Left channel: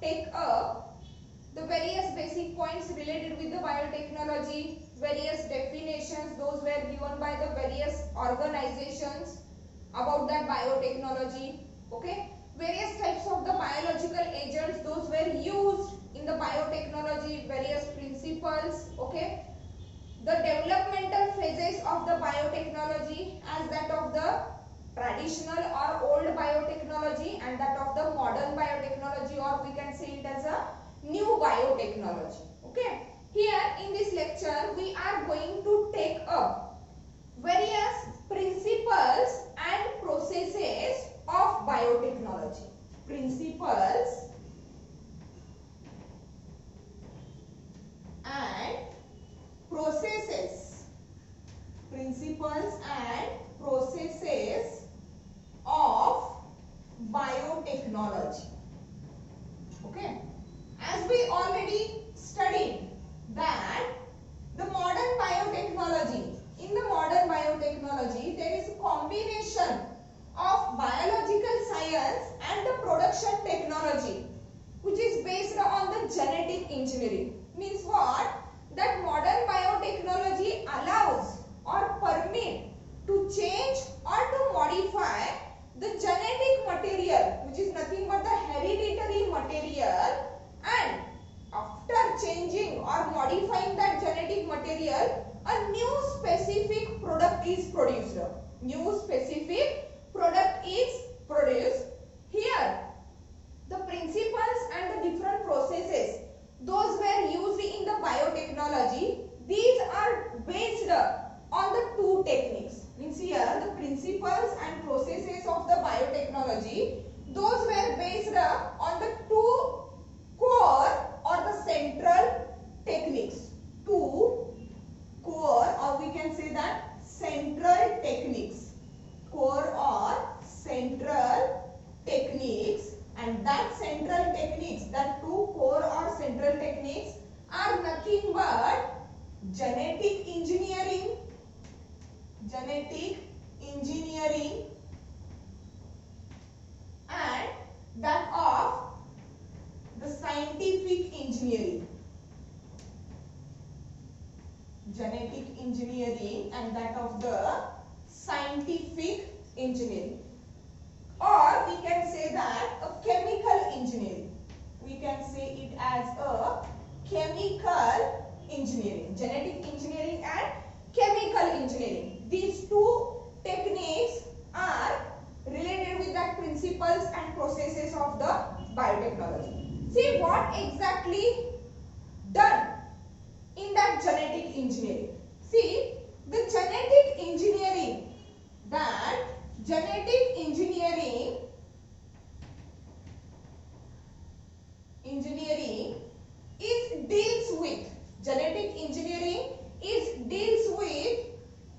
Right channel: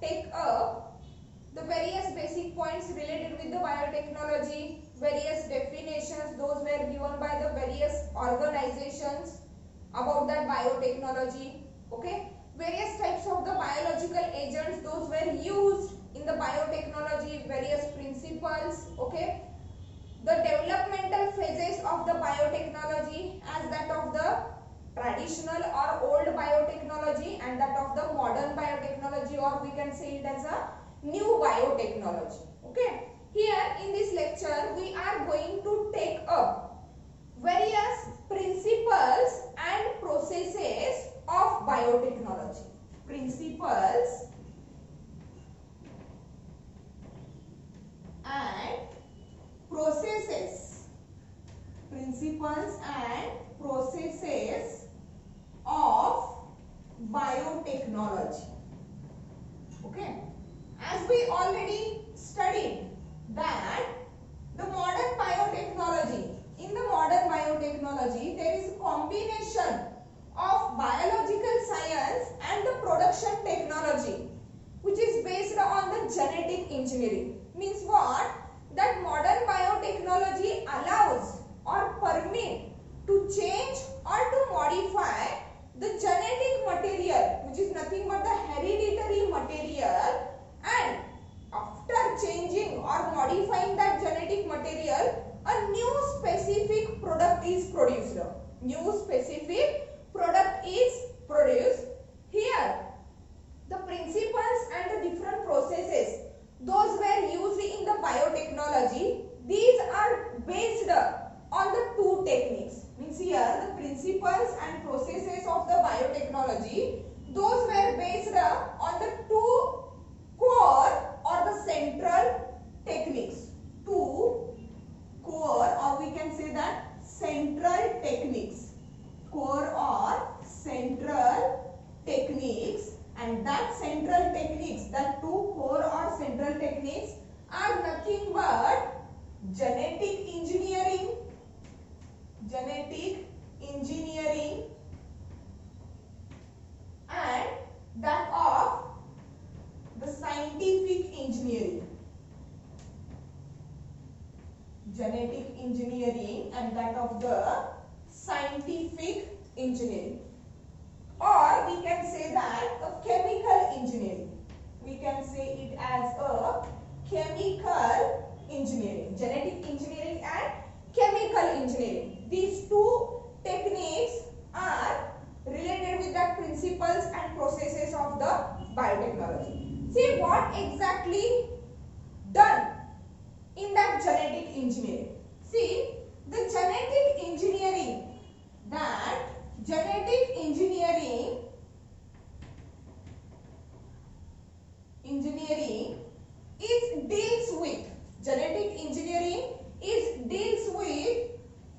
take up the various basic points related with the biotechnology, various definitions, those were given by the various organizations about that biotechnology. Okay, various types of the biological agents, those were used in the biotechnology, various principles. Okay, the developmental phases of the biotechnology as that of the traditional or old biotechnology and that of the modern biotechnology, or we can say it as a new biotechnology. Okay, here in this lecture we are going to take up various principles and processes of biotechnology. Principles and processes. Principles and processes of biotechnology. Okay, as we already studied that the modern biotechnology, in the modern biotechnology there is a combination of biological science and the production technology which is based on the genetic engineering. Means what? That modern biotechnology allows or permit to change or to modify the genetic material, which is nothing but the hereditary material, and after changing or modifying that genetic material, a new specific product is produced. New specific product is produced. Here, the principles and the different processes, those were used in the biotechnology. These are based on the two techniques. Means here the principles and processes of the biotechnology, those were based on the two core or the central techniques. Two core, or we can say that central techniques. Core or central techniques, and that central techniques, that two core or central techniques are nothing but genetic engineering, and that of the scientific engineering. Genetic engineering and that of the scientific engineering. Or we can say that a chemical engineering. We can say it as a chemical engineering. Genetic engineering and chemical engineering. These two techniques are related with the principles and processes of the biotechnology. See what exactly done in that genetic engineering. See, the genetic engineering, that genetic engineering is deals with, genetic engineering deals with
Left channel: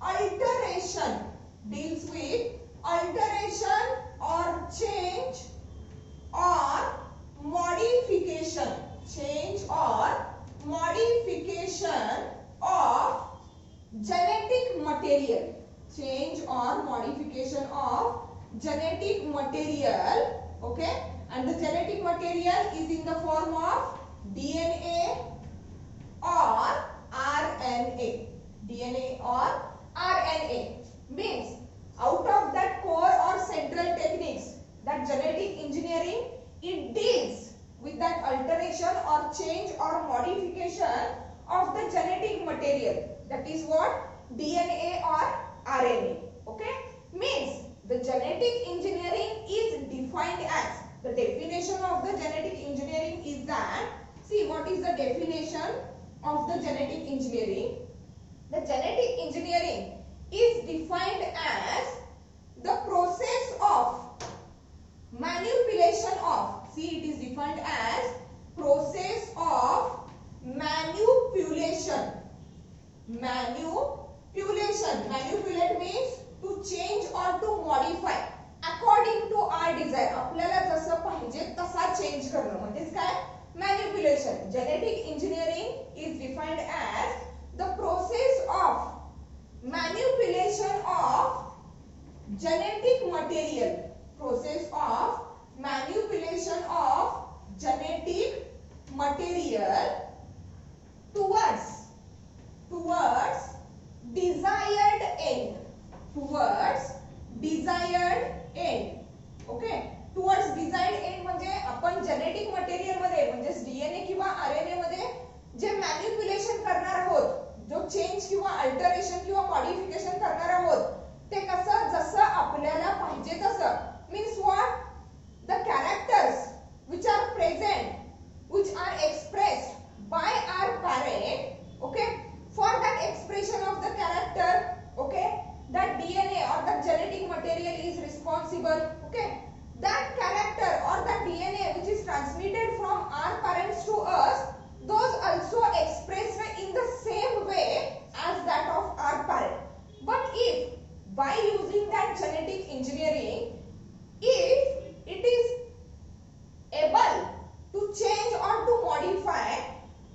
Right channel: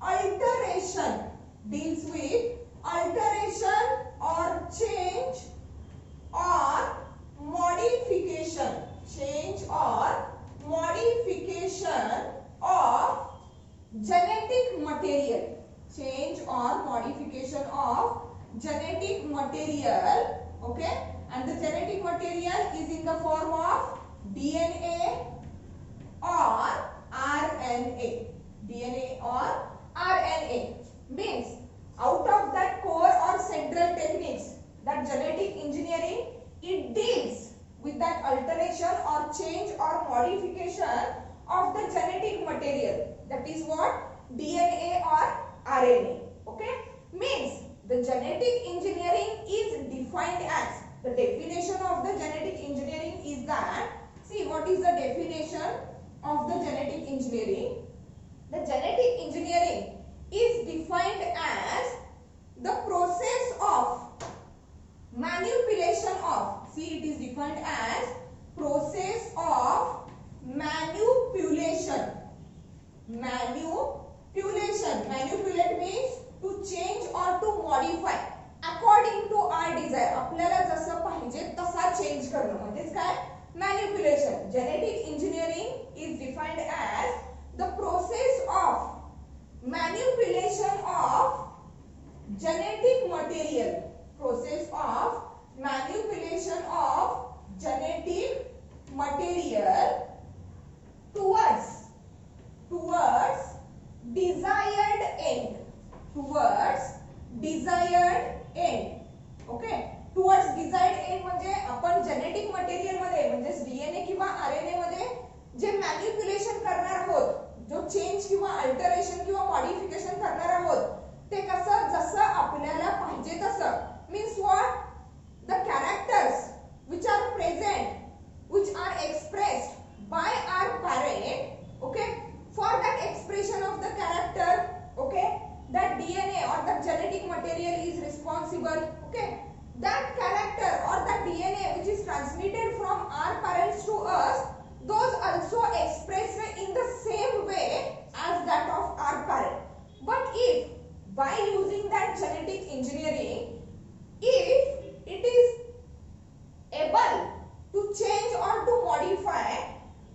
alteration or change or modification of genetic material. Change or modification of genetic material. Okay, and the genetic material is in the form of DNA or RNA. DNA or RNA means out of that core or central techniques, that genetic engineering, it deals with that alteration or change or modification of the genetic material. That is what? DNA or RNA. Okay, means the genetic engineering is defined as, the definition of the genetic engineering is that, see what is the definition of the genetic engineering. The genetic engineering is defined as the process of manipulation of, see it is defined as process of manipulation. Manipulate means to change or to modify according to our desire. आपल्याला जसं पाहिजे तसा change करणं म्हणजेच काय? Manipulation. Genetic engineering is defined as the process of manipulation of genetic material. Process of manipulation of genetic present, which are expressed by our parent, okay, for that expression of the character, okay, that DNA or that genetic material is responsible, okay, that character or that DNA which is transmitted from our parents to us, those also expressed in the same way as that of our parent. But if by using that genetic engineering, if it is able to change or to modify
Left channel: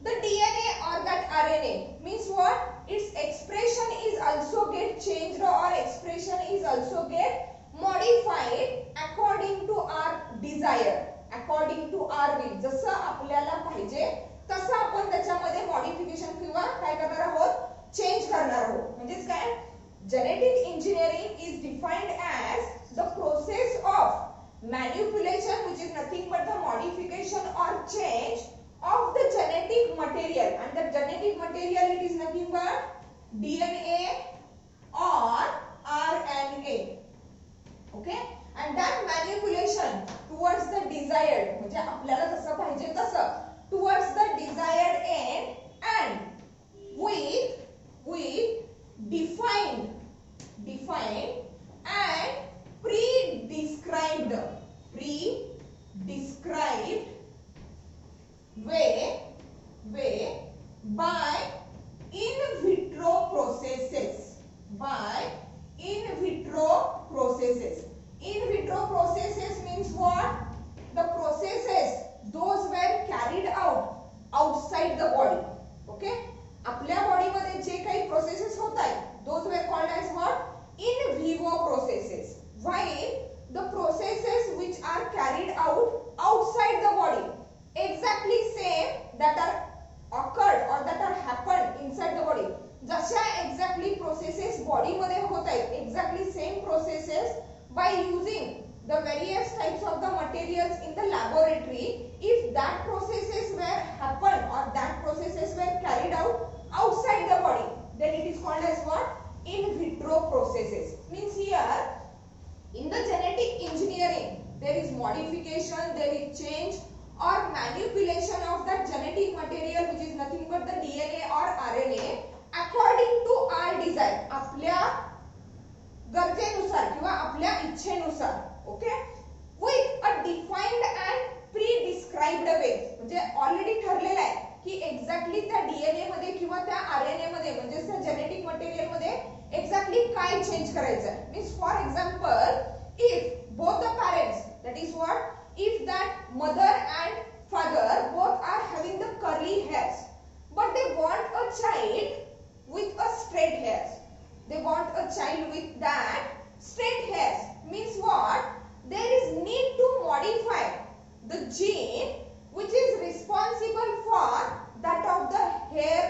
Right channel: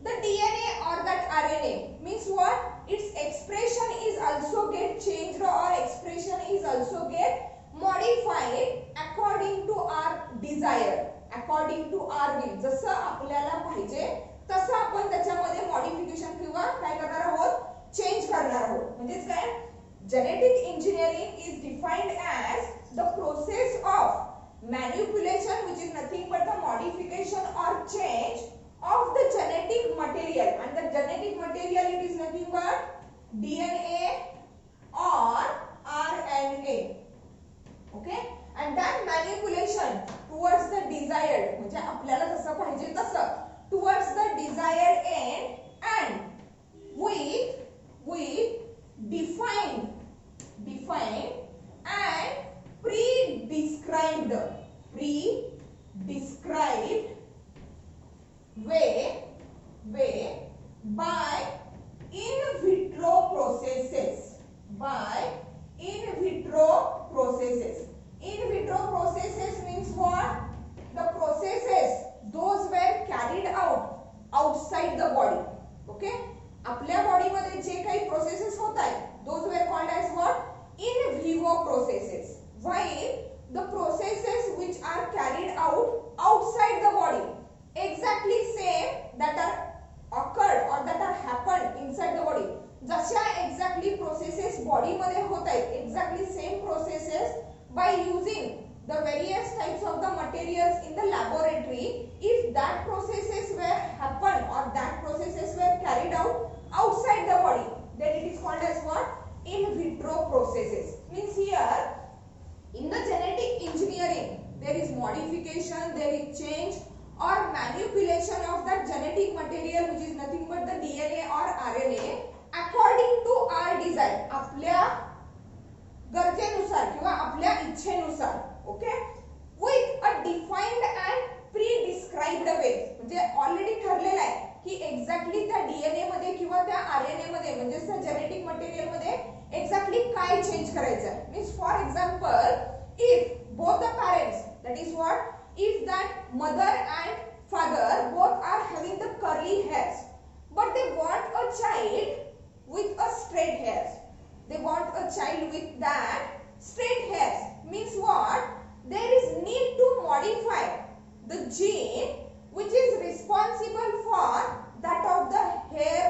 the DNA or that RNA, means what? Its expression is also get changed or expression is also get modified according to our desire, according to our will. जसं आपल्याला पाहिजे तसं आपण त्याच्यामध्ये modification किंवा काय करणार आहोत, चेंज करणार आहोत. म्हणजेच काय, genetic engineering is defined as the process of manipulation, which is nothing but the modification or change of the genetic material, and the genetic material it is nothing but DNA or RNA, okay, and that manipulation towards the desired, म्हणजे आपल्याला जसं पाहिजे तसं, towards the desired end and with defined and pre-described way by in vitro processes. In vitro processes means what? The processes those were carried out outside the body. Okay, आपल्या body मध्ये जे काही processes होत आहेत, those were called as what? In vivo processes. While the processes which are carried out outside the body, exactly same that are occurred or that are happened inside the body. जशा exactly processes body मध्ये होत आहेत, exactly same processes by using the various types of the materials in the laboratory, if that processes were happened or that processes were carried out outside the body, then it is called as what? In vitro processes. Means here in the genetic engineering there is modification, there is change or manipulation of that genetic material which is nothing but the DNA or RNA according to our desire, आपल्या गरजेनुसार किंवा आपल्या इच्छेनुसार, okay, with a defined and pre-described way. म्हणजे already ठरलेलं आहे की exactly त्या डीएनए मध्ये किंवा त्या आरएनए मध्ये म्हणजे त्या जेनेटिक मटेरियल मध्ये एक्झॅक्टली काय चेंज करायचं आहे. Means for example, if both the parents, that is what, if that mother and father both are having the curly hairs but they want a child with a straight hairs, they want a child with that straight hairs, means what, there is need to modify the gene which is responsible for that of the hair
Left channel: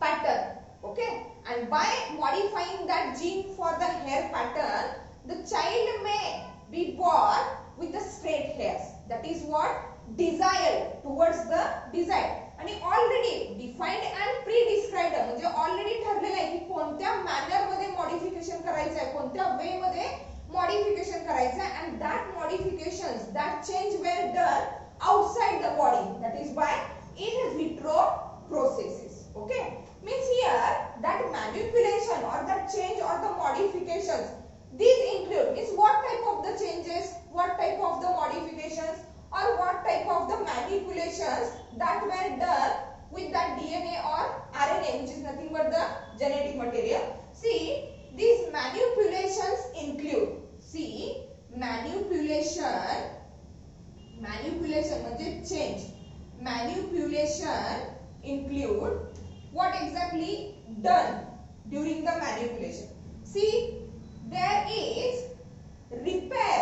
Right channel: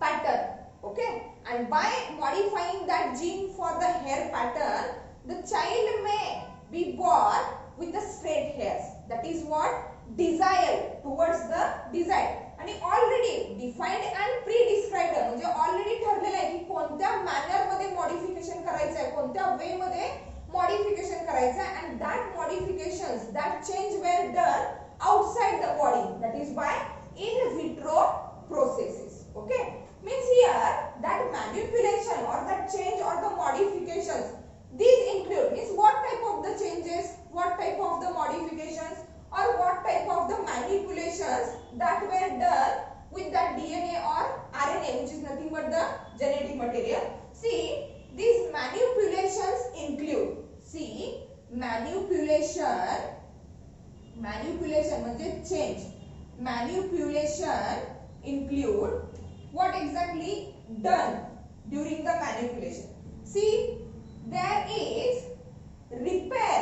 pattern, okay, and by modifying that gene for the hair pattern, the child may be born with the straight hairs. That is what desire towards the desire. आणि already defined and pre described म्हणजे already ठरलेलं आहे की कोणत्या manner मध्ये modification करायचं आहे, कोणत्या वे मध्ये मॉडिफिकेशन करायचं आहे, and that modifications, that change were done outside the body, that is by in vitro processes. Okay, means here that manipulation or that change or the modifications, these include, means what type of the changes, what type of the modifications or what type of the manipulations that were done with that DNA or RNA, which is nothing but the genetic material. See, these manipulations include, see, manipulation म्हणजे change, manipulation include what exactly done during the manipulation. See, there is repair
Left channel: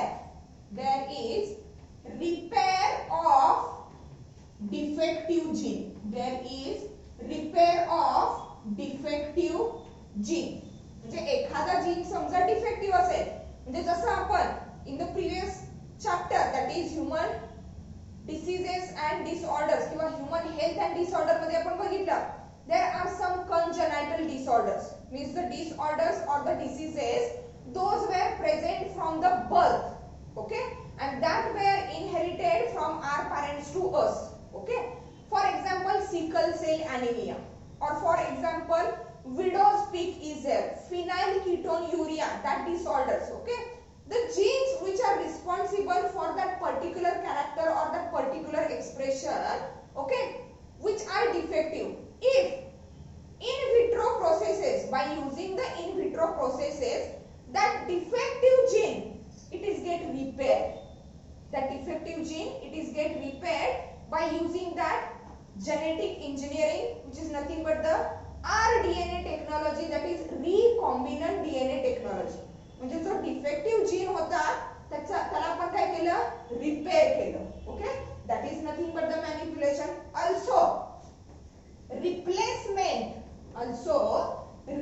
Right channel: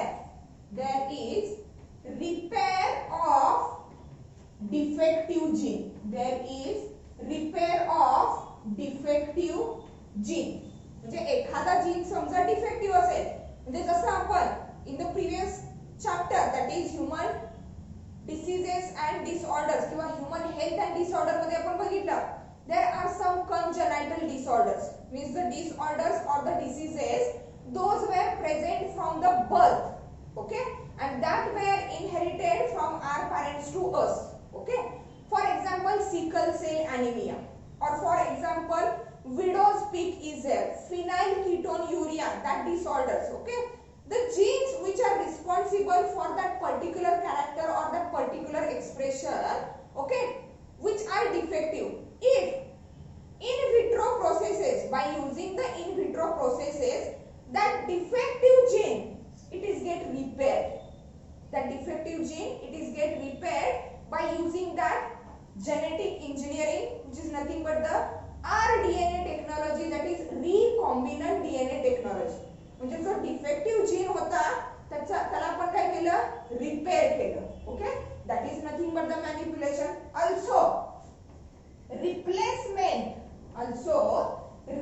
of defective gene, there is repair of defective gene. म्हणजे एखादा gene समजा defective असेल, म्हणजे जसं आपण in the previous chapter that is human diseases and disorders किंवा human health and disorder मध्ये आपण बघितलं, there are some congenital disorders, means the disorders or the diseases those were present from the birth, okay, and that were inherited from our parents to us. Okay. For example, sickle cell anemia, or for example, widow's peak is there, phenylketonuria, that disorders. Okay. The genes which are responsible for that particular character or that particular expression, okay, which are defective. If in vitro processes, by using the in vitro processes, that defective gene, it is get repaired. That defective gene, it is get repaired by using that genetic engineering, which is nothing but the rDNA technology, that is recombinant DNA technology. म्हणजे जो defective gene होता त्याला आपण काय केलं, repair केलं. Okay, that is nothing but the manipulation. Also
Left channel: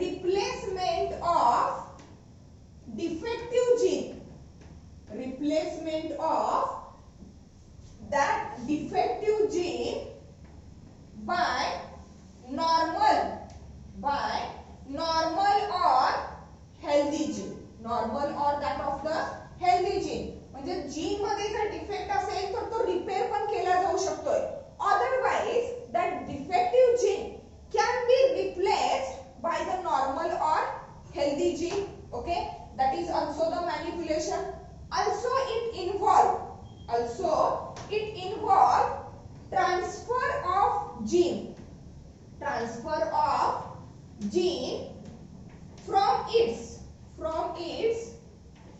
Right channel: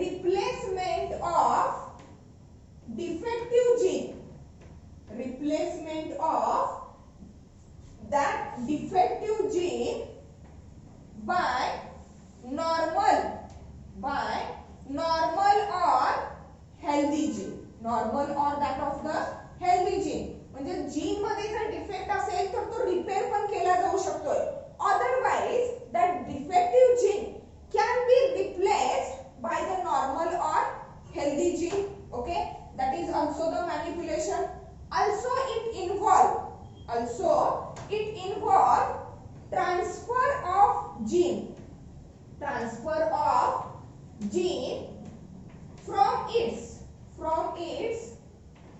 replacement of defective gene, replacement of that defective gene by normal or healthy gene, normal or that of the healthy gene. म्हणजे gene मध्ये जर defect असेल तर तो repair पण केला जाऊ शकतोय. Otherwise that defective gene can be replaced by the normal or healthy gene. Okay, that is also the manipulation. Also it involve transfer of gene from its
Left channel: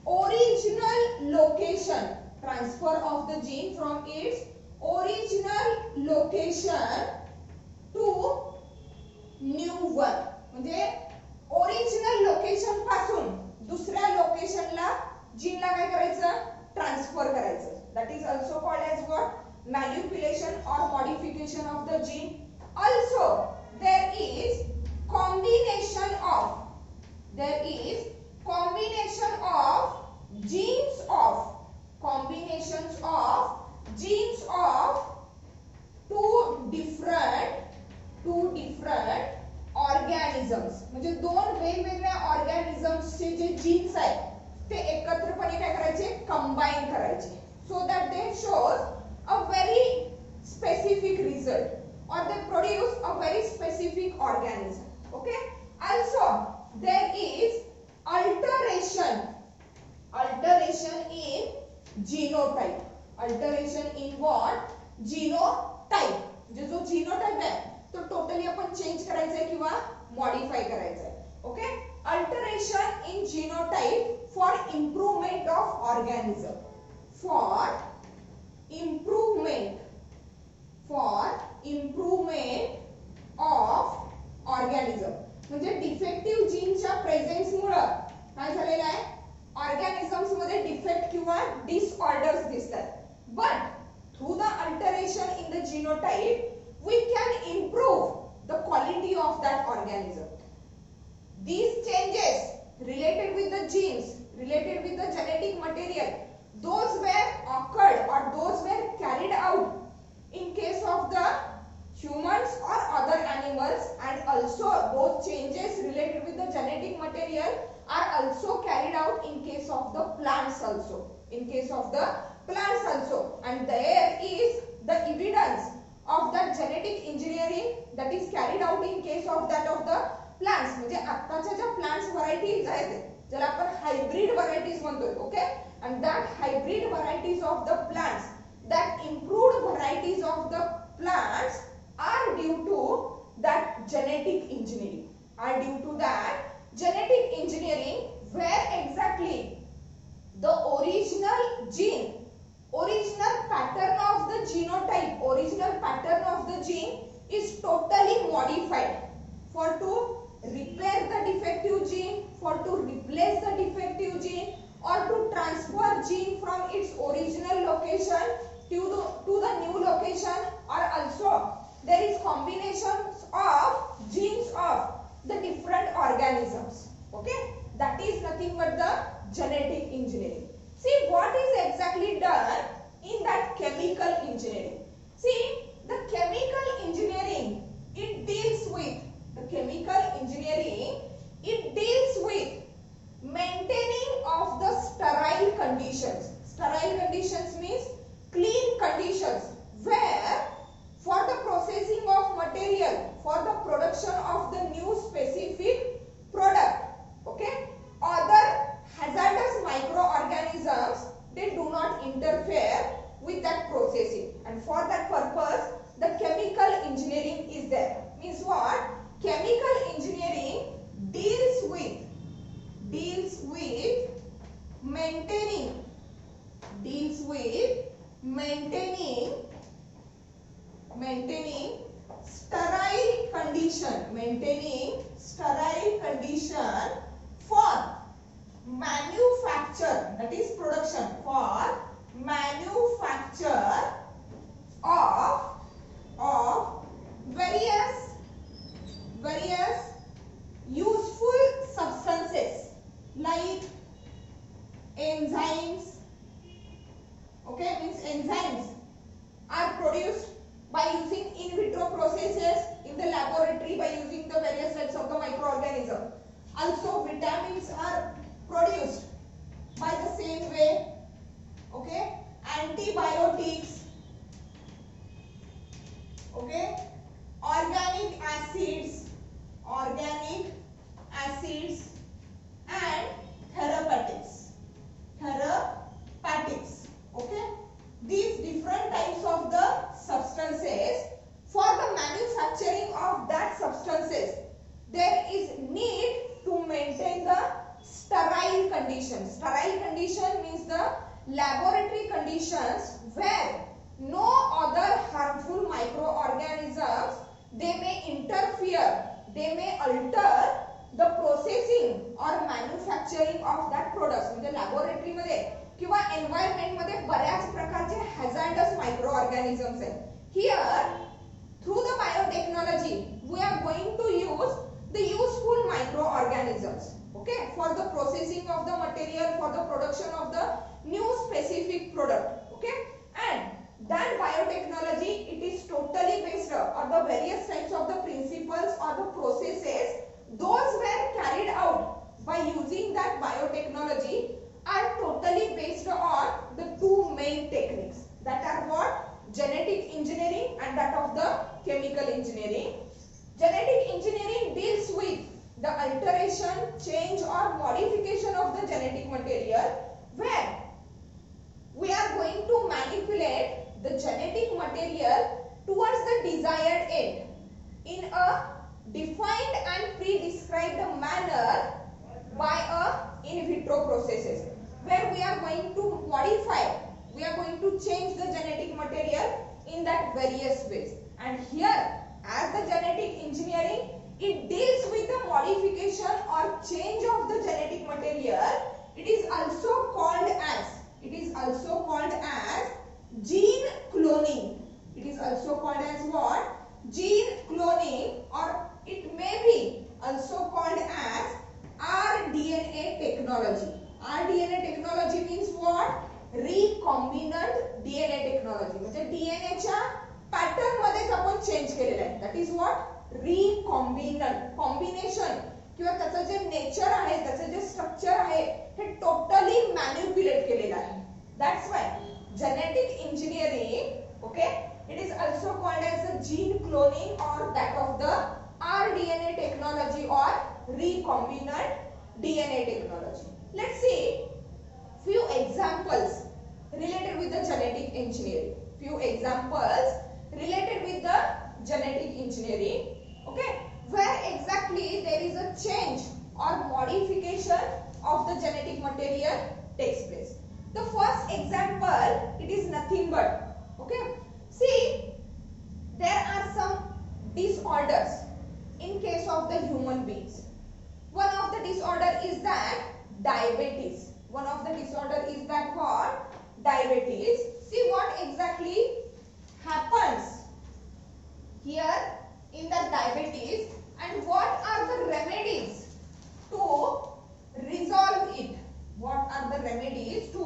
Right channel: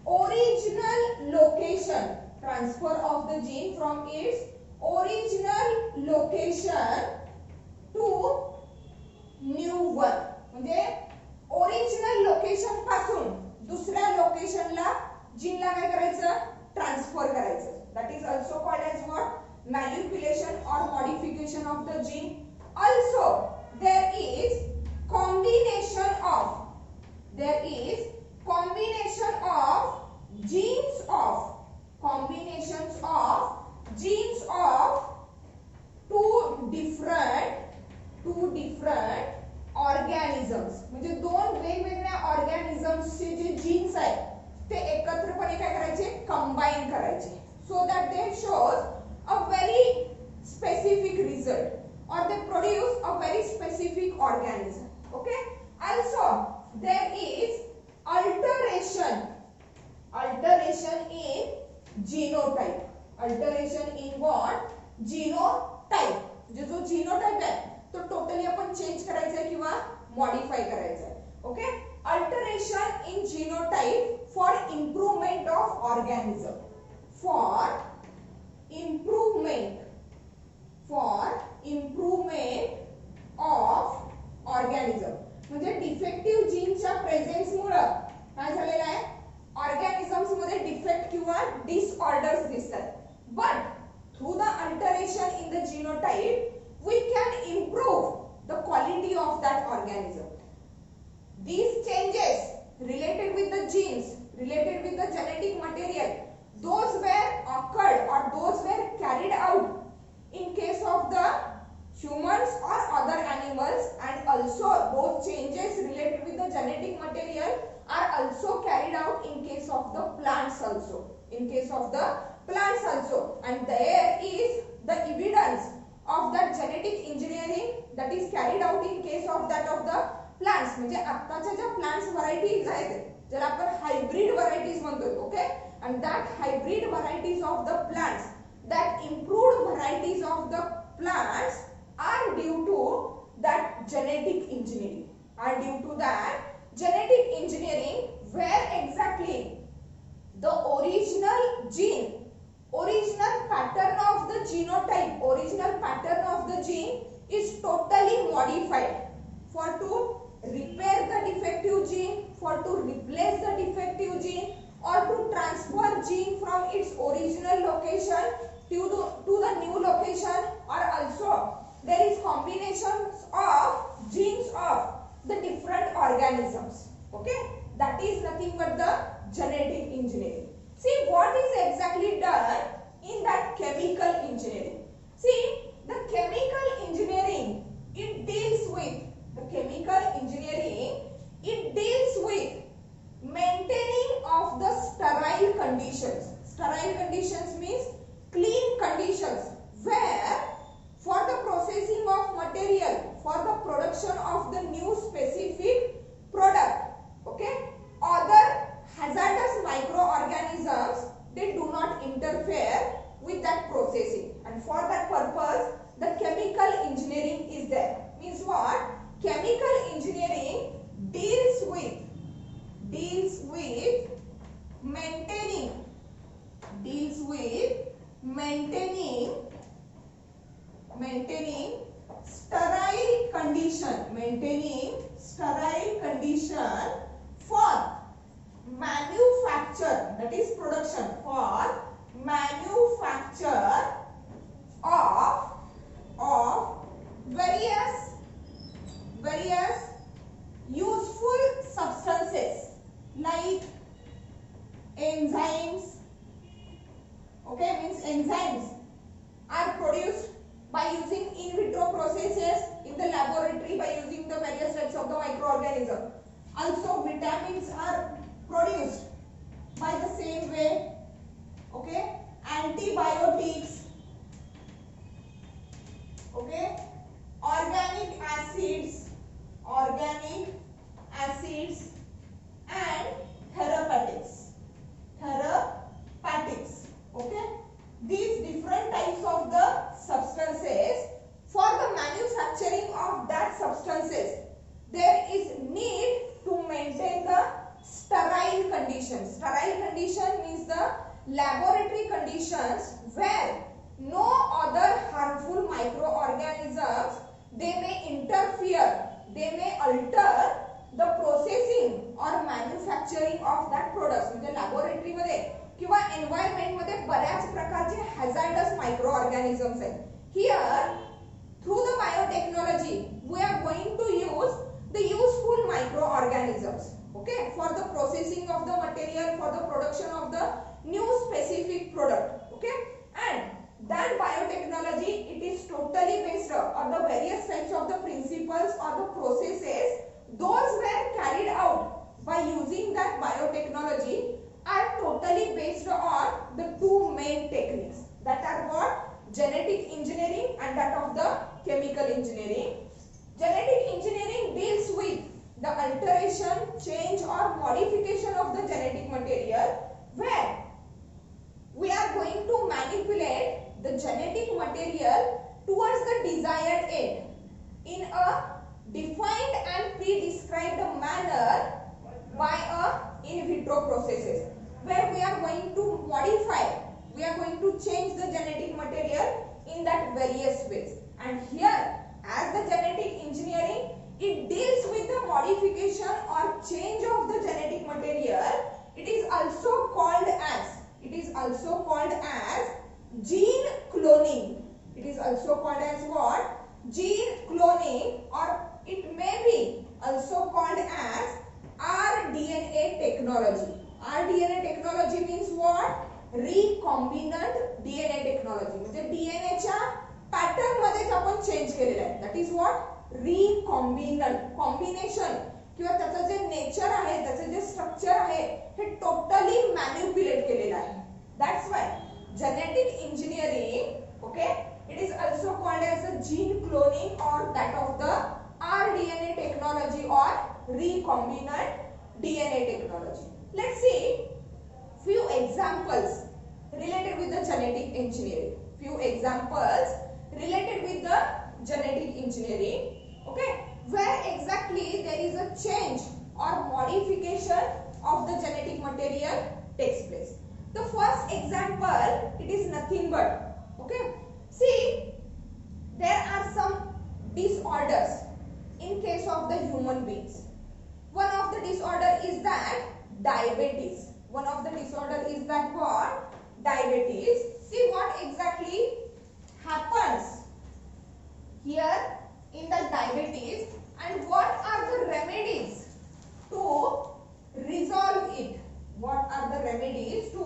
original location, transfer of the gene from its original location to new one. म्हणजे original location पासून दुसऱ्या लोकेशनला जीनला काय करायचं, transfer करायचं. That is also called as what, manipulation और modification of the gene. Also there is combination of genes of two different organisms. म्हणजे दोन वेगवेगळ्या ऑर्गॅनिझम्सचे जे जीन्स आहेत ते एकत्रपणे काय करायचे, कंबाईन करायचे, so that they shows a very specific result or they produce a very specific organism. Okay, also there is alteration in genotype. Alteration in what? Genotype. म्हणजे जो जीनोटाइप आहे तो टोटली आपण चेंज करायचा आहे किंवा मॉडिफाय करायचा आहे. Okay, alteration in genotype for improvement of organism, for improvement of organism. म्हणजे डिफेक्टिव्ह जीनच्या प्रेझेन्स मुळे काय झालेलं आहे, ऑर्गॅनिझम्स मध्ये डिफेक्ट किंवा डिसऑर्डर्स दिसतात. But through the alteration in the genotype we can improve the quality of that organism. These changes related with the genes, related with the genetic material, those were occurred or those were carried out in case of the humans or other animals, and also those changes related with the genetic material are also carried out in case of the plants also, and there is the evidence of that genetic engineering that is carried out in case of that of the plants. म्हणजे आत्ताच्या ज्या plants varieties आहेत ज्याला आपण hybrid varieties म्हणतोय. Okay, and that hybrid varieties of the plants, that improved varieties of the plants are due to that genetic engineering, where exactly the original pattern of the genotype, original pattern of the gene is totally modified for to repair the defective gene, for to replace the defective gene, or to transfer gene from its original location to the new location, or also there is combinations of genes of the different organisms. Okay, that is nothing but the genetic engineering. See what is exactly done in that chemical engineering. See, the chemical engineering, it deals with maintaining of the sterile conditions. Sterile conditions means what? Chemical engineering deals with maintaining sterile condition for manufacture, that is production, for manufacture of various useful substances like enzymes. Okay, means enzymes are produced by using in vitro processes in the laboratory by using the various types of the microorganism. Also vitamins are produced by the same way. Okay, antibiotics, okay, organic acids and therapeutics. Okay, these different types of the substances, for the manufacturing of that substances there is need to maintain the sterile condition. Sterile condition means the laboratory conditions where no other harmful microorganisms they may interfere, they may alter the processing or manufacturing of that products. म्हणजे laboratory मध्ये किंवा environment मध्ये बऱ्याच प्रकारचे hazardous microorganisms आहेत. Here through the biotechnology we are going to use the useful microorganisms, okay, for the processing of the material, for the production of the new specific product. Okay, and that biotechnology, it is totally based on the various types of the principles or the processes those were carried out by using that biotechnology are totally based on the two main techniques, that are what? Genetic engineering and that of the chemical engineering. Genetic engineering deals with the alteration, change or modification of the genetic material, where we are going to manipulate the genetic material towards the desired end in a defined and pre-described manner by a in vitro processes, where we are going to modify, we are going to change the genetic material in that various ways. And here, as the genetic engineering, it deals with the modification or change of the genetic material. It is also called as gene cloning. It is also called as what? Gene cloning, or it may be also called as rDNA technology. rDNA technology means what? Recombinant DNA technology. म्हणजे DNA च्या pattern मध्येच आपण change केलेला आहे. That is what? Recombinant. Combination किंवा त्याचं जे nature आहे, त्याचं जे स्ट्रक्चर आहे, हे टोटली मॅनिप्युलेट केलेलं आहे. That's why genetic engineering, okay, it is also called as the gene cloning or that of the rDNA technology or recombinant DNA technology. Let's see few examples related with the genetic engineering. Few examples related with the genetic engineering, okay, where exactly there is a change or modification of the genetic material takes place. The first example, it is nothing but, okay, see, there are some disorders in case of the human beings. One of the disorder is that diabetes. One of the disorder is that what? Diabetes. See what exactly happens here in the diabetes and what are the remedies to resolve it. What are the remedies to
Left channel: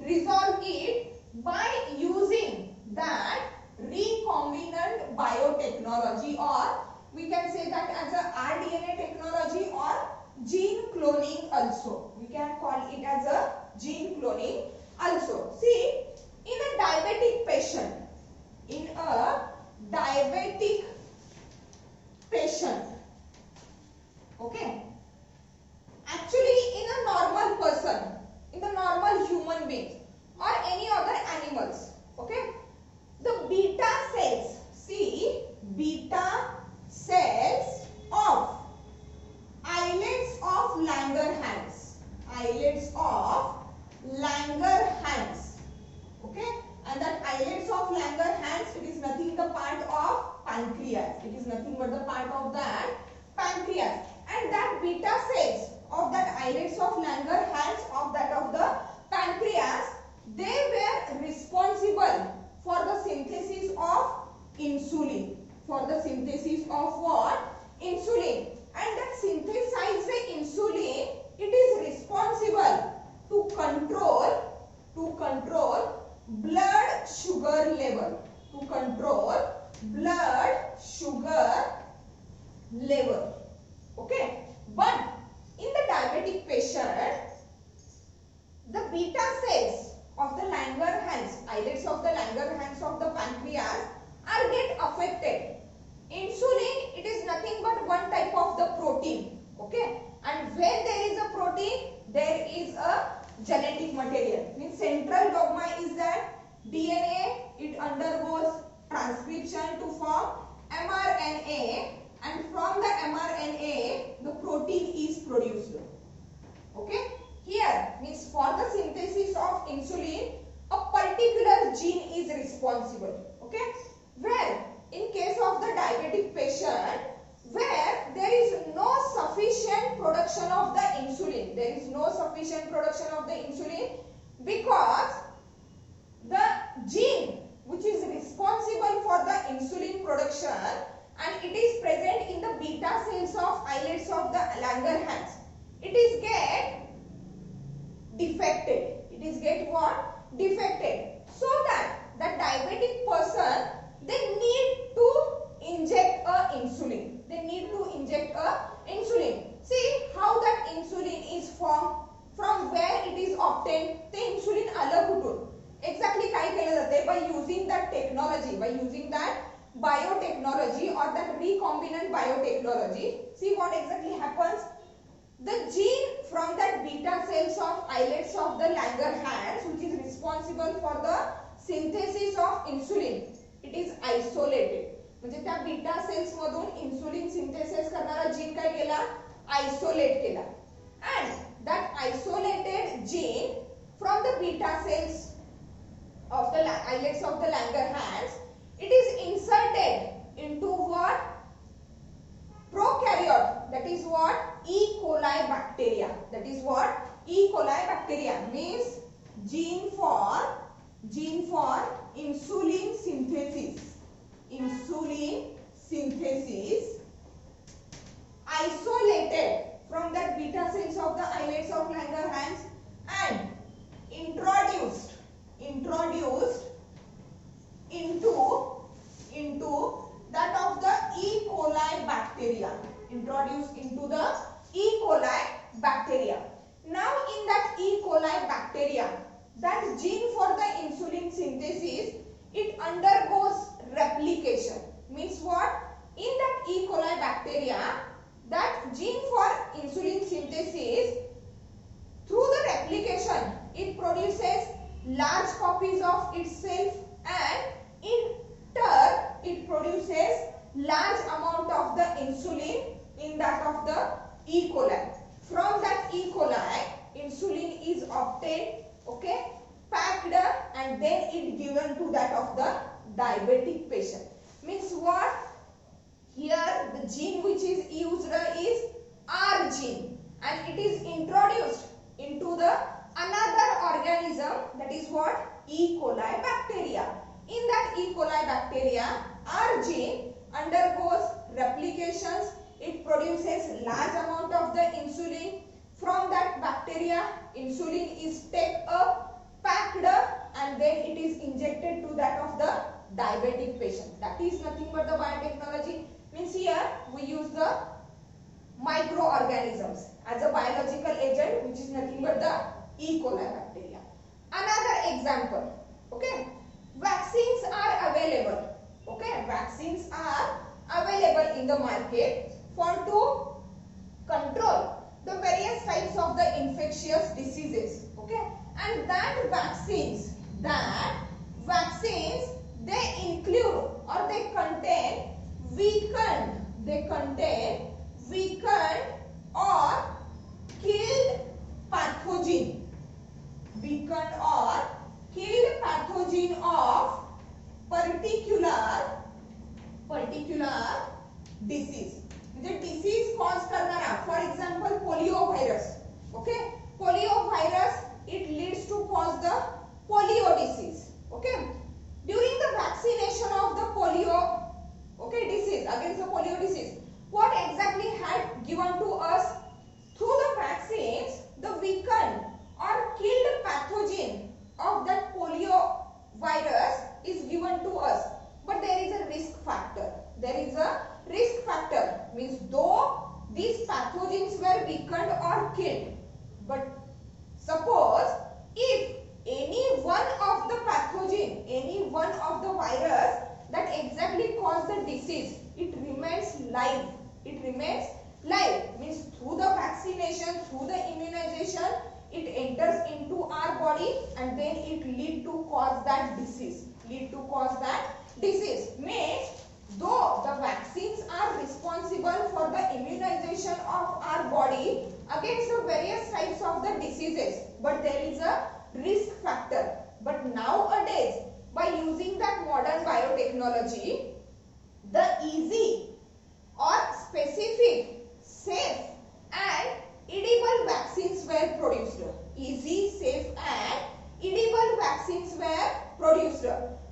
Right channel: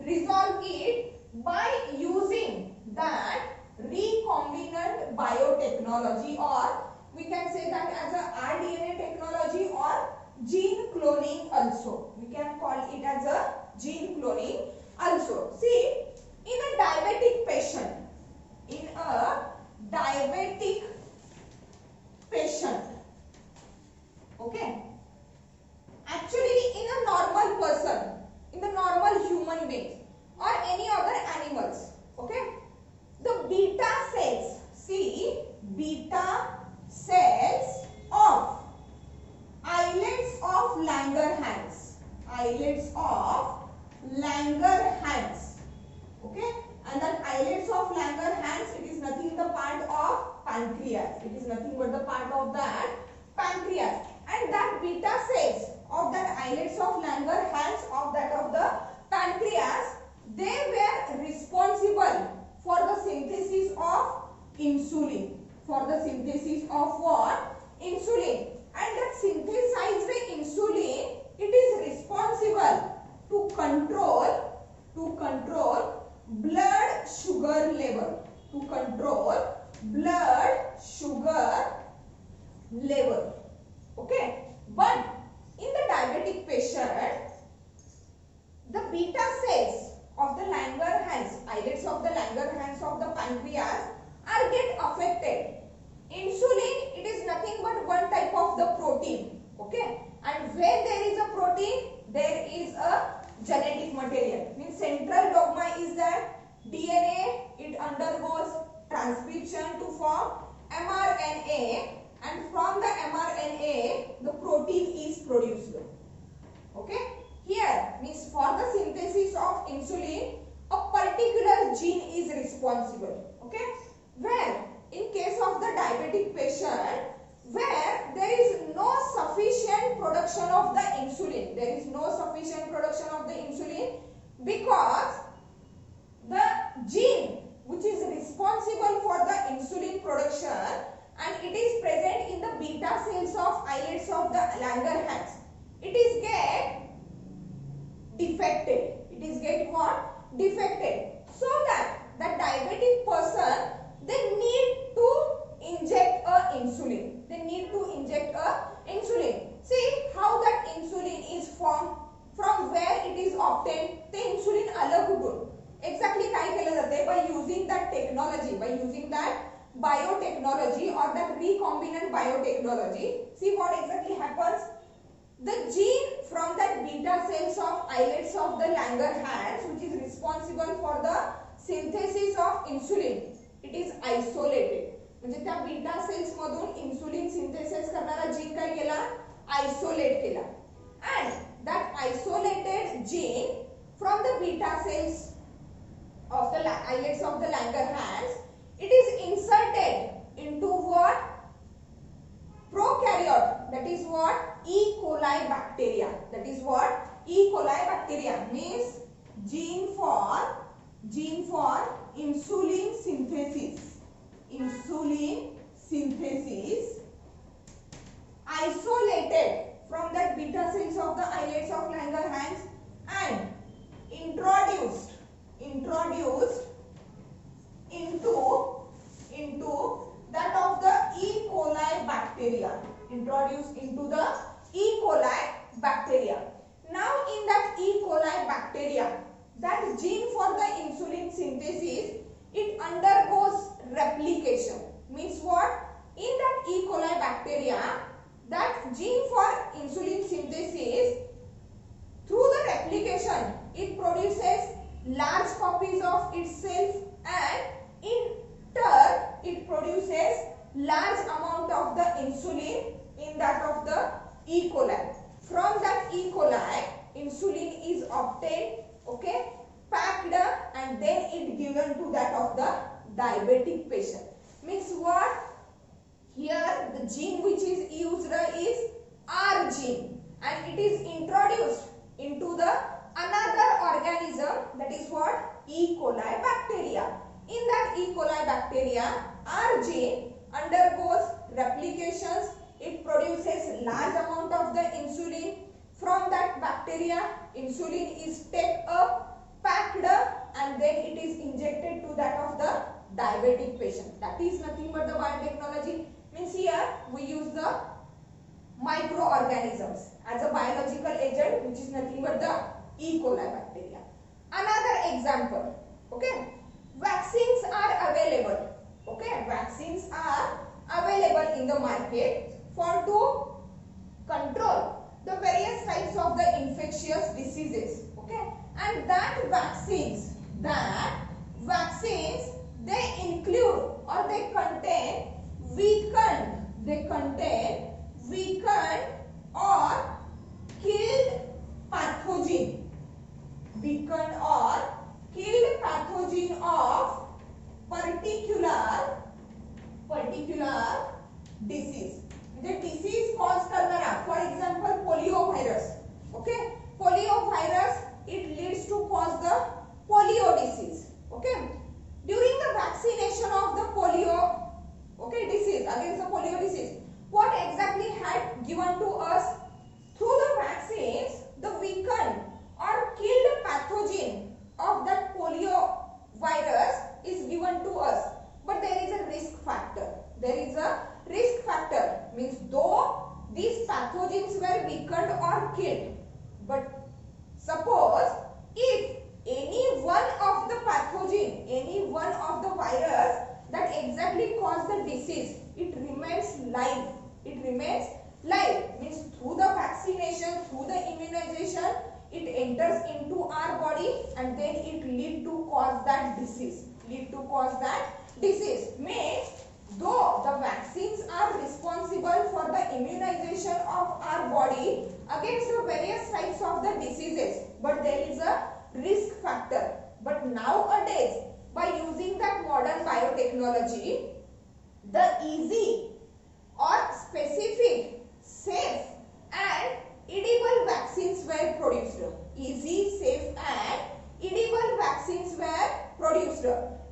resolve it by using that recombinant biotechnology, or we can say that as a rDNA technology or gene cloning also. We can call it as a gene cloning also. See, in a diabetic patient, okay, actually in a normal person, in the normal human being or any other animals, okay, the beta cells, see, beta cells pancreas. It is nothing but the part of that pancreas. And that beta cells of that islets of Langerhans of that of the pancreas, they were responsible for the synthesis of insulin. For the synthesis of what? Insulin. And that synthesized insulin, it is responsible to control blood sugar level. To control blood sugar level. Okay. But in the diabetic patient, the beta cells of the Langerhans, islets of the Langerhans of the pancreas are get affected. Insulin, it is nothing but one type of the protein. Okay. And when there is a protein, there is a genetic material. Means central dogma is that DNA, it undergoes transcription to form mRNA, and from the mRNA, the protein is produced. Okay. Here, means for the synthesis of insulin, a particular gene is responsible. Okay. Where in case of the diabetic patient, where there is no sufficient production of the insulin, there is no sufficient production of the insulin because the gene which is responsible for the insulin production, and it is present in the beta cells of islets of the Langerhans, it is get defected. It is get what? Defected. So that the diabetic person, they need to inject a insulin. They need to inject a insulin. See how that insulin is formed, from where it is obtained. ते insulin अलग कुठून exactly काय केलं जाते? By using that technology, by using that biotechnology or that recombinant biotechnology. See what exactly happens? The gene from that beta cells of islets of the Langerhans, which is responsible for the synthesis of insulin, it is isolated. म्हणजे त्या beta cells मधून insulin synthesis करणारा gene काय केला? Isolate केला. And that isolated gene from the beta cells of the islets of the Langerhans, it is inserted into what? Prokaryote. That is what? E. coli bacteria. That is what? E. coli bacteria means gene for insulin synthesis. Insulin synthesis isolated from that beta cells of the islets of Langerhans and introduced into that of the E. coli bacteria. Introduced into the E. coli bacteria. Now in that E. coli bacteria, that gene for the insulin synthesis, it undergoes replication. Means what? In that E. coli bacteria, that gene for insulin synthesis, through the replication, it produces large copies of itself, and in turn it produces large amount of the insulin in that of the E. coli. From that E. coli, insulin is obtained, okay, packed, and then it given to that of the diabetic patient. Means what? Here the gene which is used is R gene, and it is introduced into the another organism, that is what? E. coli bacteria. In that E. coli bacteria, R gene undergoes replications. It produces large amount of the insulin. From that bacteria, insulin is taken up, packed, and then it is injected to that of the diabetic patient. That is nothing but the biotechnology. Means here we use the microorganisms as a biological agent, which is nothing but the E. coli bacteria. Another example, okay, vaccines are available. Okay, vaccines are available in the market for to control the various types of the infectious diseases. Okay, and that vaccines, they include or they contain weakened or killed pathogen. Weakened or killed pathogen of particular disease म्हणजे disease cause करणारा for example polio virus okay polio virus it leads to cause the polio disease okay during the vaccination of the polio okay disease against the polio disease what exactly had given to us through the vaccines the weakened or killed pathogen of that polio virus is given to us but there is a risk factor means though these pathogens were weakened or killed but suppose if any one of the pathogen, any one of the virus that exactly cause the disease, it remains live. It remains live means through the vaccination, through the immunization, it enters into our body and then it lead to cause that disease. Means though the vaccines are responsible for the immunization of our body against the various types of the diseases but there is a risk factor but nowadays by using that modern biotechnology the easy or specific safe and edible vaccines were produced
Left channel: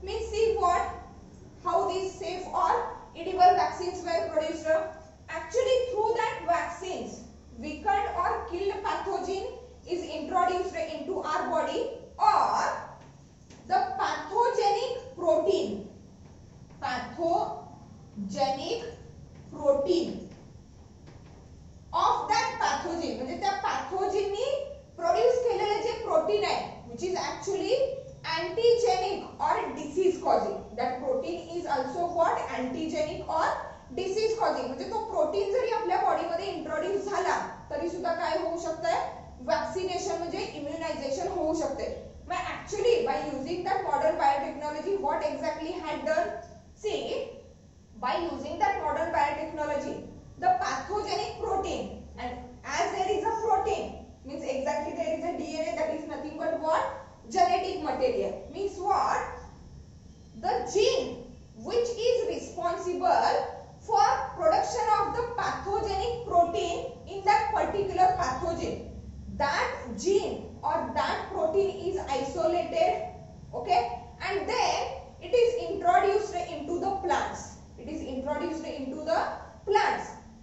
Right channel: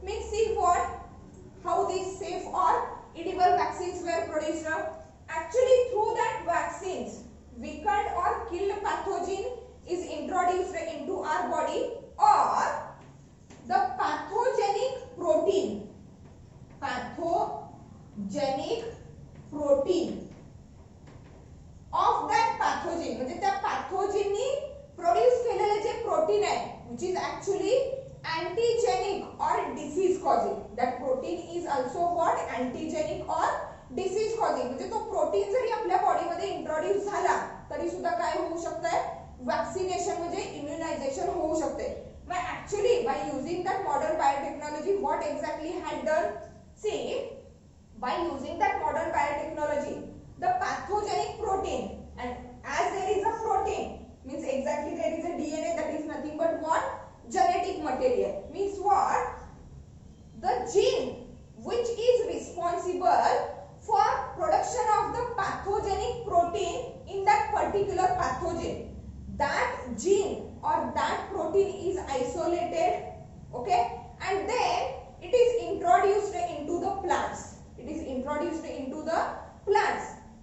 means see what how these safe or edible vaccines were produced actually through that vaccines weakened or killed pathogen is introduced into our body or the pathogenic protein of that pathogen म्हणजे त्या pathogenनी produce केलेले जे protein आहे which is actually antigenic or disease causing that protein is also what antigenic or disease causing म्हणजे तो protein जरी आपल्या body मध्ये introduce झाला तरी सुद्धा काय होऊ शकते वॅक्सिनेशन म्हणजे इम्युनायझेशन होऊ शकते मग actually by using that modern biotechnology what exactly had done see by using that modern biotechnology the pathogenic protein and as there is a protein means exactly there is a DNA that is nothing but what genetic material means what the gene which is responsible for production of the pathogenic protein in that particular pathogen that gene or that protein is isolated okay and then it is introduced into the plants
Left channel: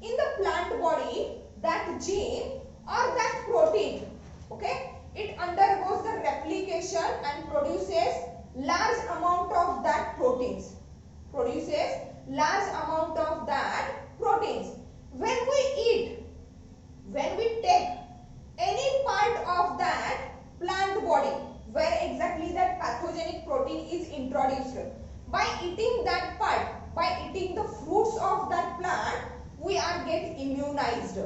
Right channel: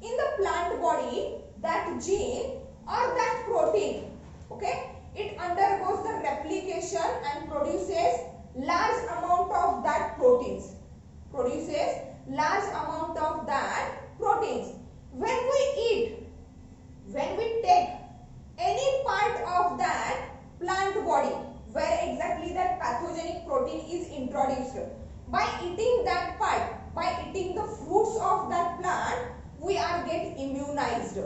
in the plant body that gene or that protein okay it undergoes the replication and produces large amount of that proteins when we take any part of that plant body where exactly that pathogenic protein is introduced by eating that part by eating the fruits of that plant we are get immunized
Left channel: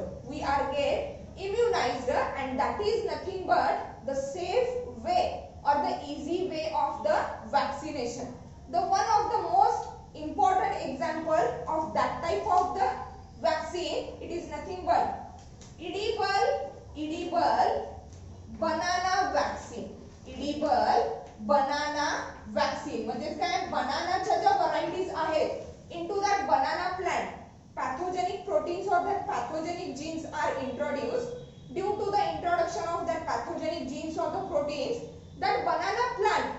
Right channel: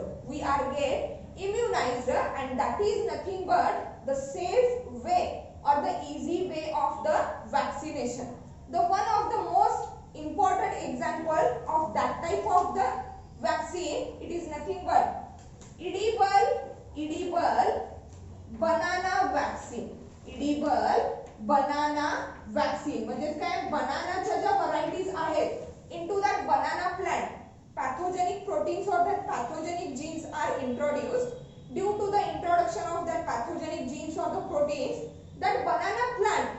and that is nothing but the safe way or the easy way of the vaccination the one of the most important example of that type of the vaccine it is nothing but edible banana vaccine म्हणजे काय बनानाच्या ज्या varieties आहेत into that banana plant pathogenic proteins or that pathogenic genes are introduced due to the introduction of that pathogenic genes or the proteins that banana plant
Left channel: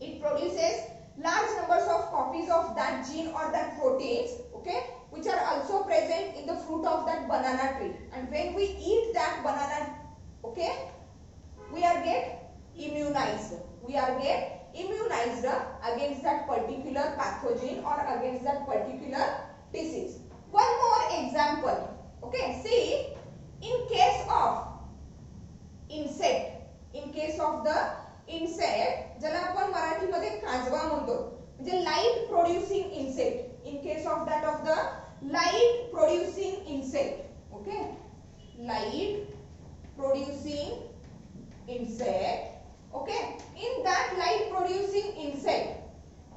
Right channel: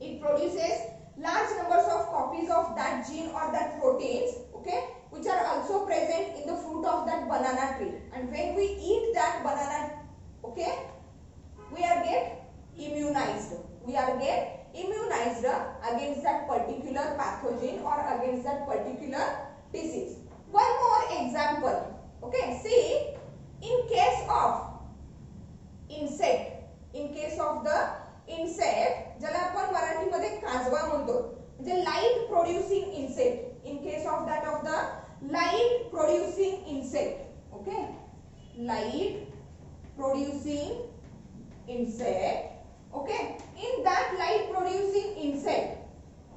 it produces large numbers of copies of that gene or that proteins okay which are also present in the fruit of that banana tree and when we eat that banana okay we are get immunized against that particular pathogen or against that particular disease one more example okay see in case of the insect ज्याला आपण मराठीमध्ये काजवा म्हणतो म्हणजे light producing insect in case of that of the light producing insect okay light producing insect okay in that light producing insect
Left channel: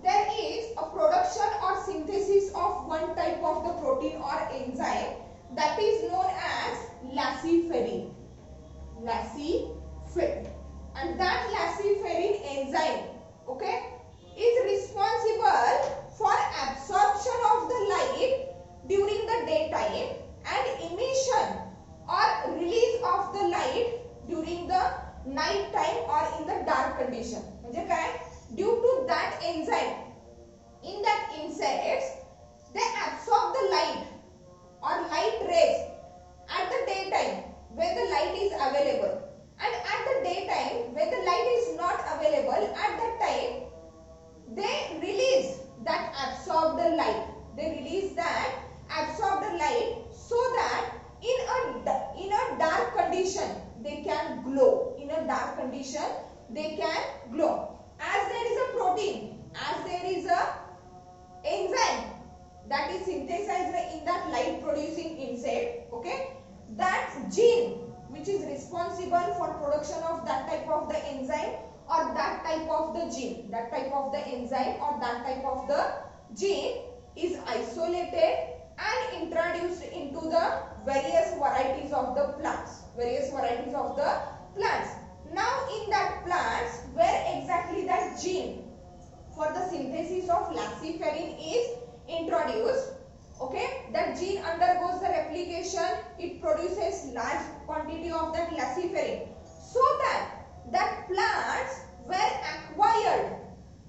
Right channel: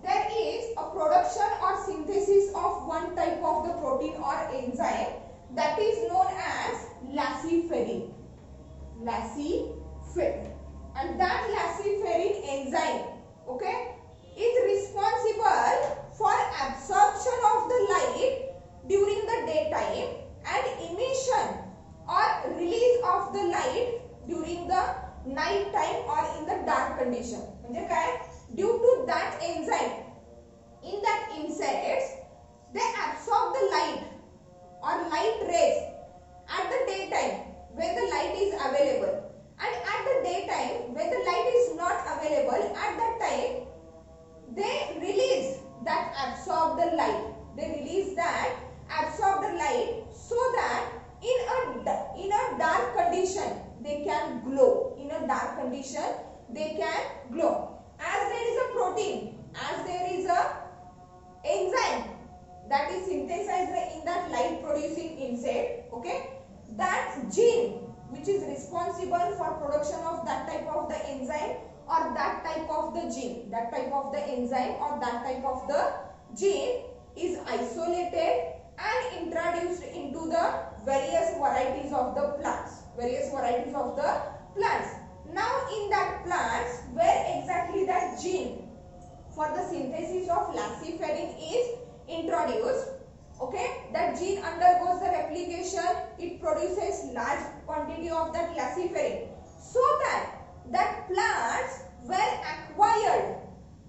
there is a production or synthesis of one type of the protein or enzyme that is known as laciferin and that laciferin enzyme okay is responsible for absorption of the light that type of the enzyme or that type of the gene is isolated and introduced into the various varieties of the plants. Now in that plants, where exactly that gene for the synthesis of luciferin is introduced, okay, that gene undergoes the replication, it produces large quantity of that luciferin, so that plants were acquired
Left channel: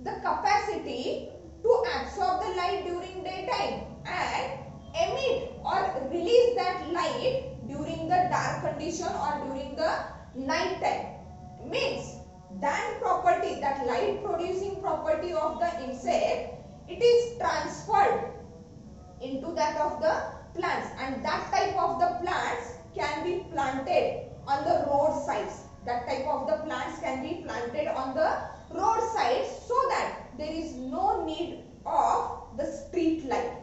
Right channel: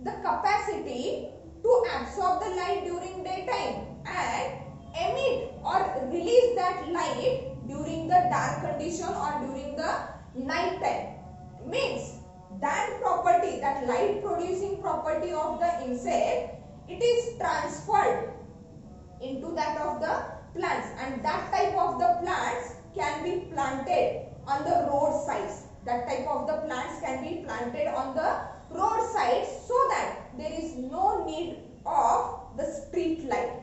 the capacity to absorb the light during daytime and emit or release that light during the dark condition or during the night time. Means that property, that light producing property of the insect, it is transferred into that of the plants, and that type of the plants can be planted on the roadsides. That type of the plants can be planted on the roadsides, so that there is no need of the street light.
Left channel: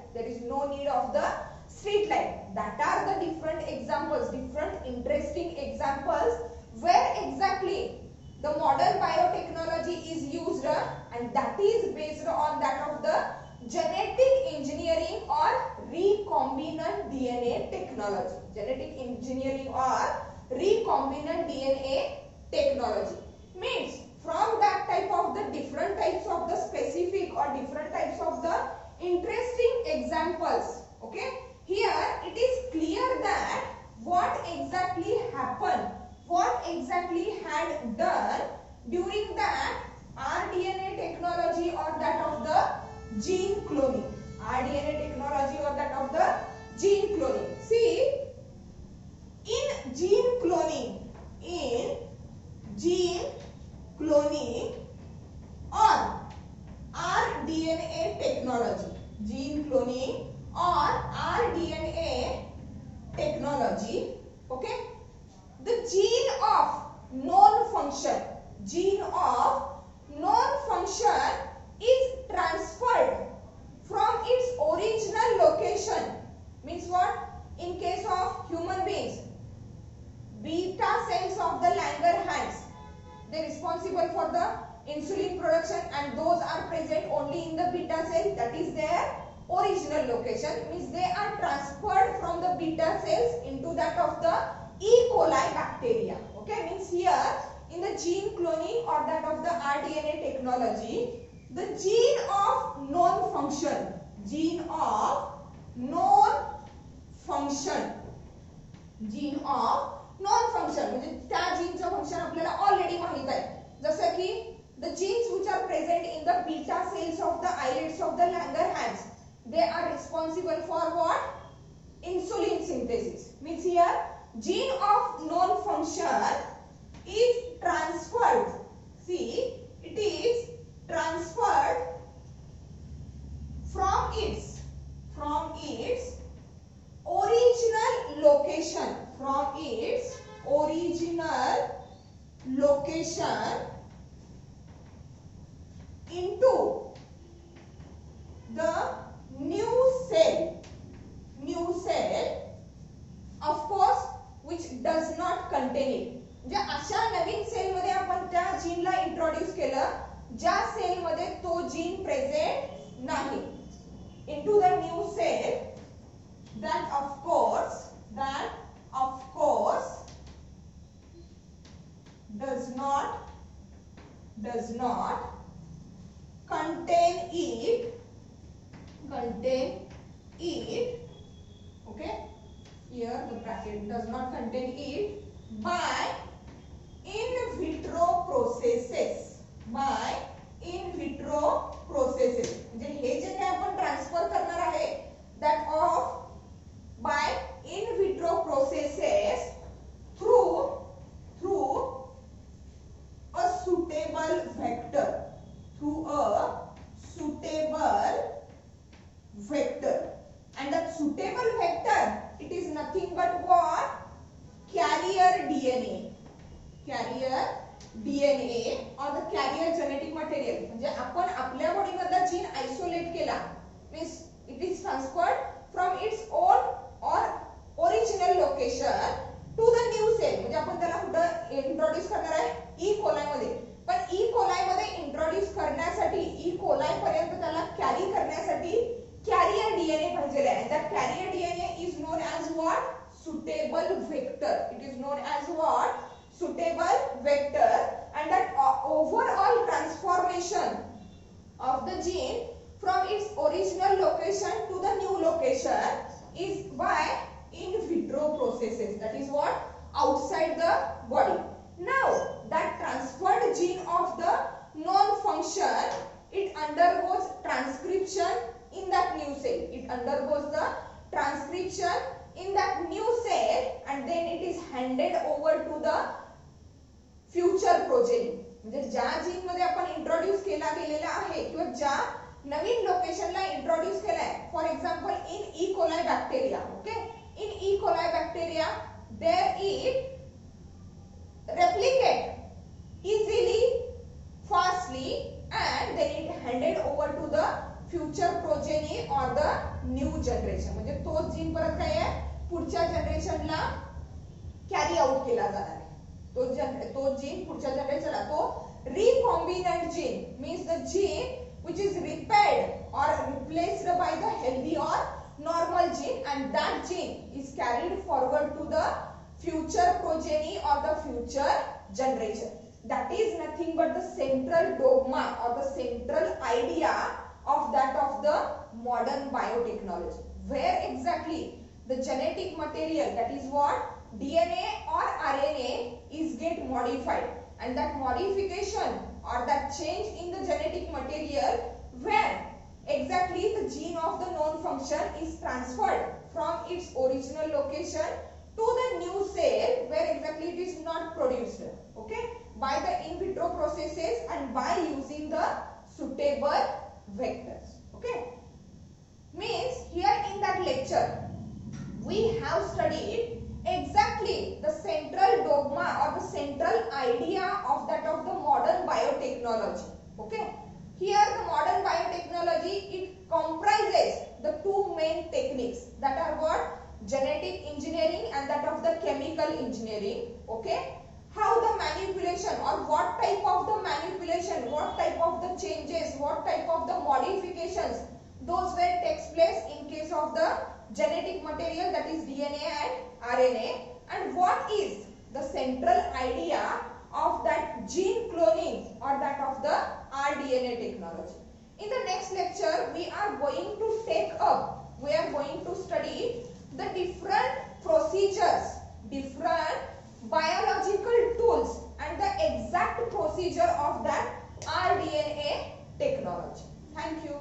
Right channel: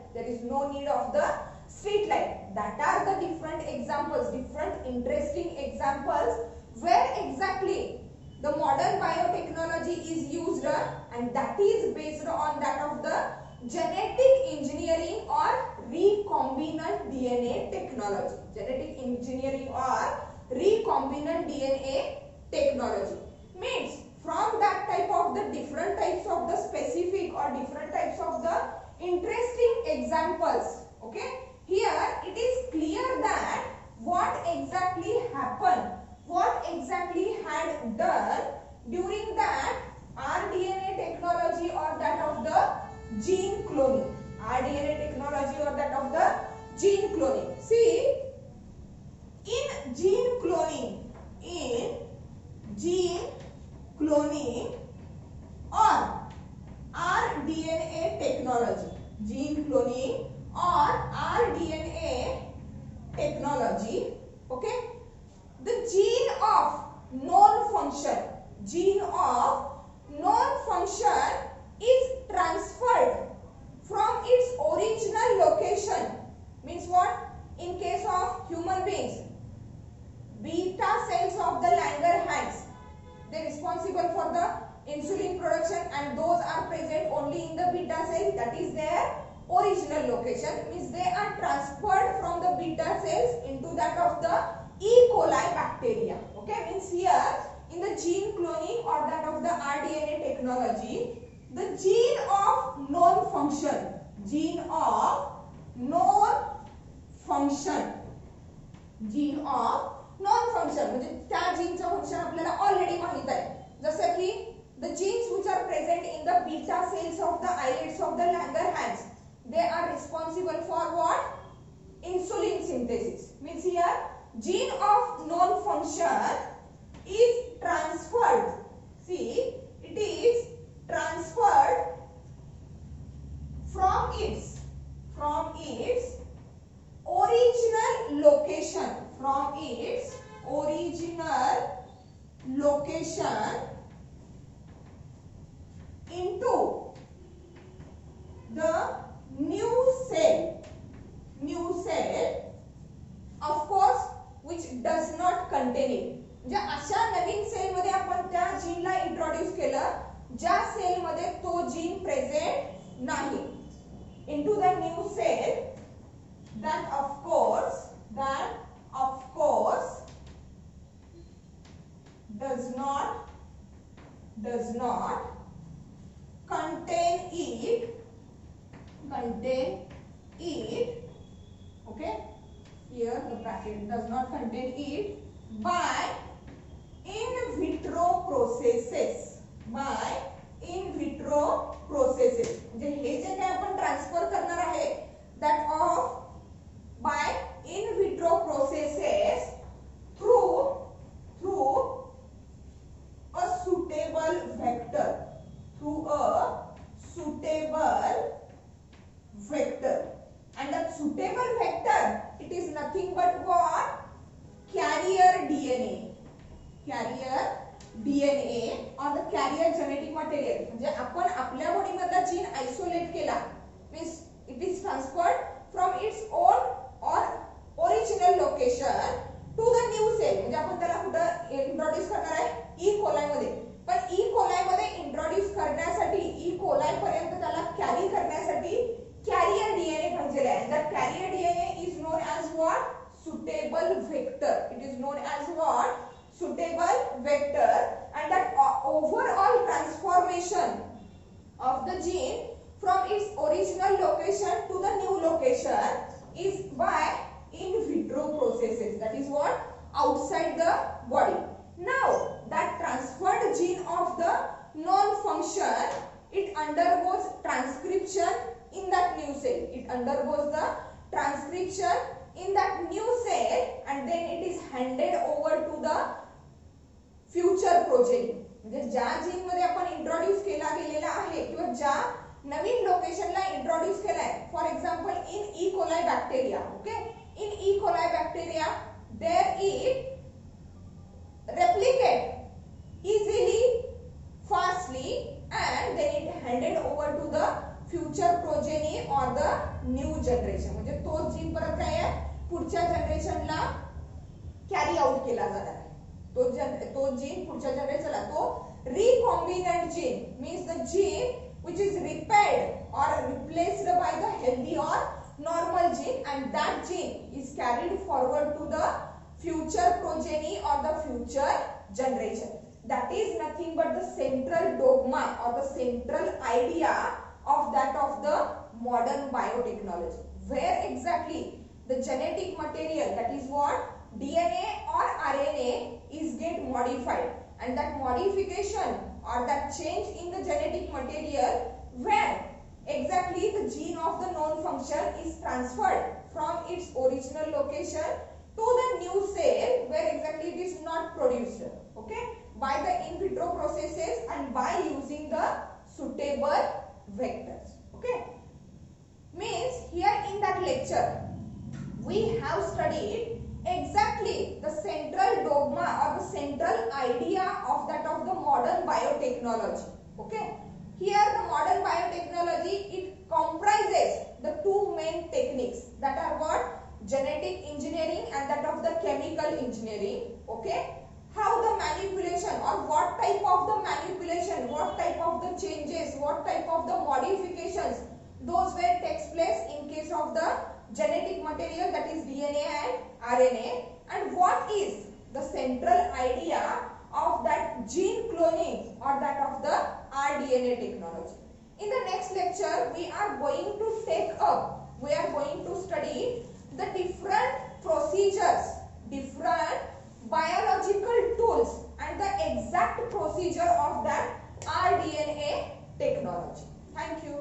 That are the different examples, different interesting examples where exactly the modern biotechnology is used, and that is based on that of the genetic engineering or recombinant DNA technology. Means from that type of the different types of the specific or different types of the interesting examples, okay, here it is clear that what exactly happened, what exactly had done during that rDNA technology or that of the gene cloning. See, in gene cloning or rDNA technology, okay, the gene of known function is transferred from its original location. Means what? In case of human beings, beta cells of the Langerhans, they are responsible for the insulin production, and those are present only in the beta cell, that is their original location. Means they are transferred from the beta cells into that of the E. coli bacteria. Okay, means here in the gene cloning or that of the rDNA technology, the gene of known function म्हणजे त्या जीनचं function आपल्याला already माहित आहे. जसं की the genes which are present in the beta cells of the islets of the Langerhans, they are responsible for what? Insulin synthesis. Means here gene of known function is transferred. See, it is transferred from its original location, into the new cell, of course, which does not contain it. ज्या अशा नवीन cell मध्ये आपण त्या जीनला introduce केलं, ज्या cell मध्ये तो gene present नाही, into the new cell that of course does not contain it, okay, here the bracket does not contain it by in vitro processes. म्हणजे हे जे काय आपण ट्रान्सफर करणार आहे that of by in vitro processes through a suitable vector, and that suitable vector, it is nothing but what? Carrier DNA. what? Suitable vector. It is known as what? Suitable vector. And that overall transformation of the gene from its original location to the new location is by in vitro processes. That is what? Outside the body. Now that transferred gene of the known function, it undergoes transcription in that new cell. It undergoes the transcription in that new cell and then it is handed over to the future progeny. म्हणजे ज्या gene मध्ये आपण introduce केला गेलेला आहे किंवा ज्या नवीन लोकेशनला इंट्रोड्यूस केलाय, for example in E coli bacteria. Okay, in E coli bacteria there it replicate easily, fastly, and then it handed over to the future progeny or the new generation. म्हणजे तोच gene परत काय आहे पुढच्या जनरेशनला carry out केला जाणार आहे. तो जीन पुढच्या जनरेशनला तो recombinant gene means the gene which is repaired or replaced by the healthy or normal gene, and that gene is carried forward to the future progeny or the future generation. That is nothing but the central dogma or the central idea of that of the modern biotechnology, where exactly the genetic material, that is what DNA or RNA, is get modified, and that modification or that change in the genetic material when exactly the gene of the known function is transferred from its original location to the new cell where exactly it is not produced, okay, by the in vitro processes and by using the suitable vectors. Okay, means here in that lecture we have studied exactly the central dogma or the central idea of that of the modern biotechnology. Okay, here the modern biotechnology, it comprises the two main techniques, that are what? Genetic engineering and that of the chemical engineering. Okay, how the manipulation or what type of the manipulation, what type of the changes, what type of the modifications, those where takes place in case of the genetic material, that is DNA and RNA, and what is the central idea of that gene cloning or that of the rDNA technology. In the next lecture we are going to study the different procedures, different biological tools and the exact procedure of that rDNA technology. Thank you.